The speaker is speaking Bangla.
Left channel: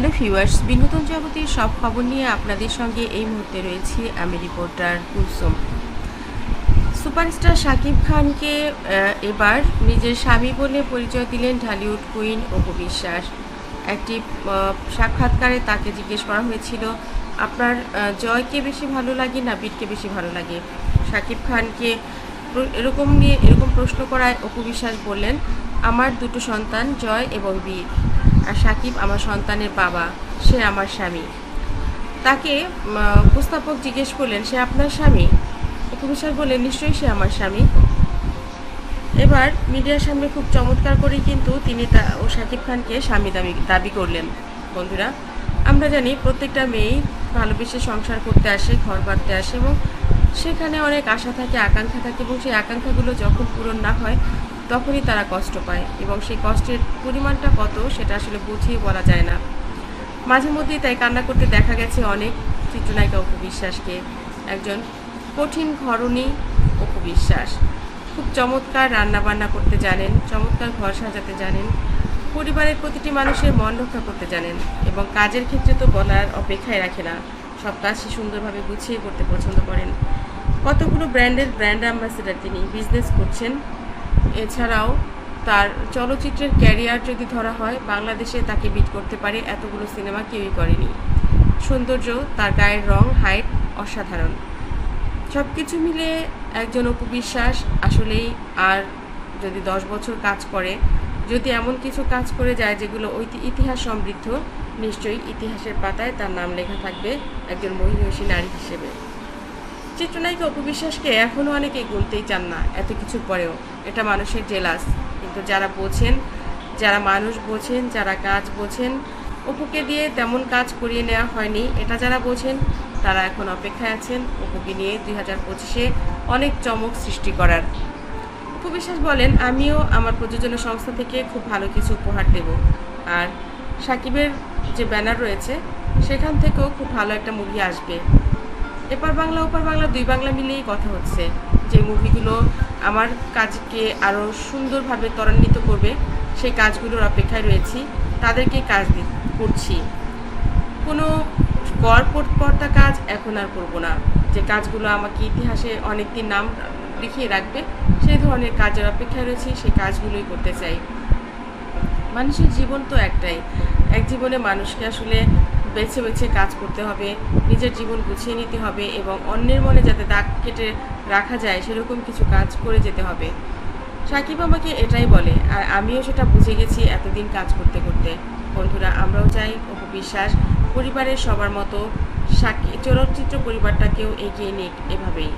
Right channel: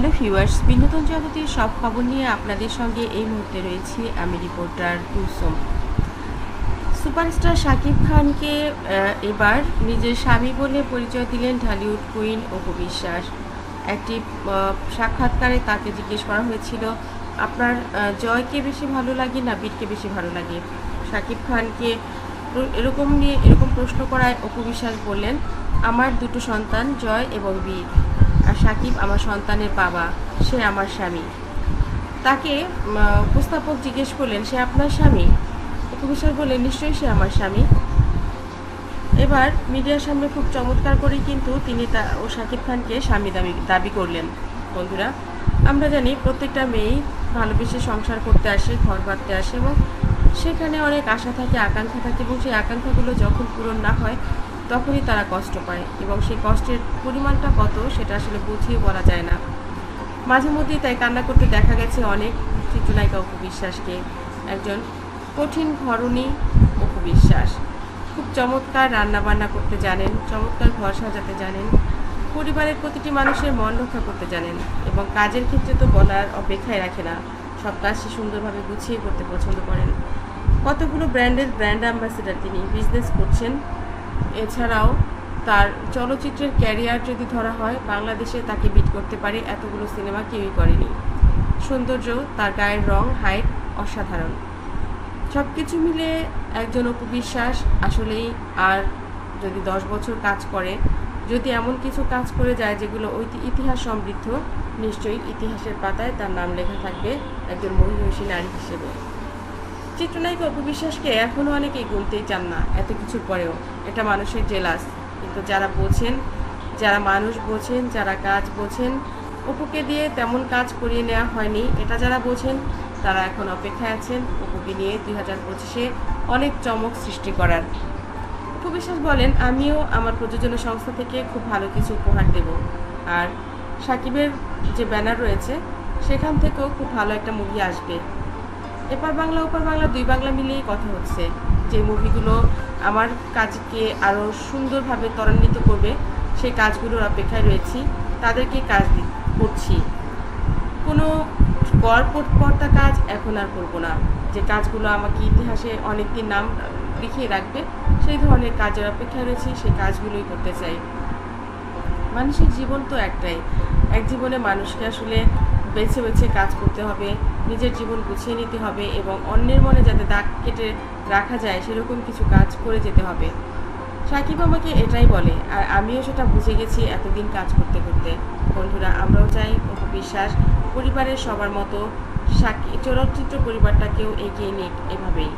হ্যালো ভিউয়ার্স, বিনোদন জগতের সব খবর নিয়ে আপনাদের সঙ্গে এই মুহূর্তে রয়েছি আমি রিপোর্টার কুলসুম। সুপারস্টার শাকিব খানকে এবার নিজের স্বামী বলে পরিচয় দিলেন ঢালিউড কুইন অপু বিশ্বাস। একটি সাক্ষাৎকারে তাকে জিজ্ঞেস করা হয়েছিল, আপনার জয়কে বেশি ভালো লাগে না বীরকে বেশি ভালো লাগে? শাকিব খানকে এরকম প্রশ্ন করায় অপু বিশ্বাস বললেন, আমার দুটো সন্তান জয় এবং বীর, আর শাকিব আমার সন্তানের বাবা, সে আমার স্বামী। তাকে উপস্থাপক জিজ্ঞেস করলেন, সে আপনার স্বামী? অপু বিশ্বাস বললেন, নিশ্চয়ই সে আমার স্বামী। এবার মিডিয়ার সামনে খুব চমৎকার করেই কিন্তু তিনি ও শাকিব খানকে স্বামী দাবি করলেন। বন্ধুরা, আমরা জানি প্রত্যেকটা মেয়েই ভালোবেসে সংসার করতে আসে, ঘর বাঁধতে আসে, এবং সেখানে অনেক আশা থাকে, আকাঙ্ক্ষা থাকে, এবং সেই আকাঙ্ক্ষাগুলো যখন পূরণ না হয় তখনই তারা কষ্ট পায়, এবং সেই কষ্টের পরিমাণটা কত সেটা আসলে বুঝিয়ে বলা যায় না। মাঝে মধ্যেই তাই কান্না করতে দেখা গেছে অনেক চিত্রনায়িকা অপু বিশ্বাসকে। একজন কঠিন ঘরণী অপু বিশ্বাস, খুব চমৎকার রান্নাবান্না করতে জানেন, চমৎকার ঘর সাজাতে জানেন, পরিবারের প্রতিটি মানুষের মন রক্ষা করতে জানেন, এবং কাজের ক্ষেত্রে তো বলার অপেক্ষায় রাখে না, সব কাজ সে সুন্দরভাবে গুছিয়ে করতে পছন্দ করেন। কতগুলো ব্র্যান্ডের ব্র্যান্ড অ্যাম্বাসেডার তিনি, বিজনেস করছেন। এছাড়াও তার চলচ্চিত্রের ক্যারিয়ার যদি ধরা হয়, বাংলাদেশে তাকে বিট করতে পারে এতগুলো সিনেমা কেউই করেনি। সৌন্দর্য, তার গায়ের রং, হাইট অসাধারণ। সব কিছু মিলে একজন অপু বিশ্বাস আসলেই, আর যদি 10 বছর কাজ করে, যদি এমন কিছু কাজ করে যায় যেগুলো ইতিহাস সমৃদ্ধ, নিশ্চয়ই ইতিহাসের পাতায় তার নাম লেখা থাকবে একজন মহিষী নারী হিসেবে। চিত্রনায়িকা অপু বিশ্বাসকে এখনও অনেকেই গুনতেই চান না এত কিছুর পরেও। এটা মানুষের জেলাস, কিন্তু যারা বোঝেন, যারা মানুষ বোঝেন, যারা কাজ বোঝেন, অপুকে দিয়ে তেমন কাজ করিয়ে নেওয়া হয়নি, এটা যারা বোঝেন তারা এখন অপেক্ষায় আছেন অপুকে নিয়ে 2025-এ অনেক চমক সৃষ্টি করার। অপু বিশ্বাস বলেন, আমিও আমার প্রযোজনা সংস্থা থেকে খুব ভালো কিছু উপহার দেব, আর সাকিবের যে ব্যানার রয়েছে সেখান থেকেও খুব ভালো একটা মুভি আসবে। এপার বাংলা ওপার বাংলা, দুই বাংলা মিলিয়েই কথা হচ্ছে, যে মুভিগুলো আমার কাজকে আরও সুন্দরভাবে ত্বরান্বিত করবে, সেই কাজগুলোর অপেক্ষায় রয়েছি, তাদেরকে কাজ করছি। কোনো গড়পড়তা কাজ এখন আর করব না, যে কাজগুলো আমাকে ইতিহাসে অনেকদিন নাম লিখিয়ে রাখবে, সেই ধরনের কাজের অপেক্ষায় রয়েছি, সেই কাজগুলোই করতে চাই। মানুষের জীবন তো একটাই, এক জীবনে মানুষকে আসলে বেছে বেছে কাজ করতে হবে, নিজের জীবন গুছিয়ে নিতে হবে, এবং অন্যের মনে যাতে দাগ কেটে রাখা যায় সেরকম কিছু কাজ করে যেতে হবে। সাকিব আমাকে এটাই বলে, আর আমিও সেটা বুঝে গেছি এতদিন কাজ করতে করতে। বন্ধুরা, আমরাও চাই অপু বিশ্বাস পরিবারের সবার মতো চলচ্চিত্র পরিবারটাকেও এগিয়ে নিক এভাবেই।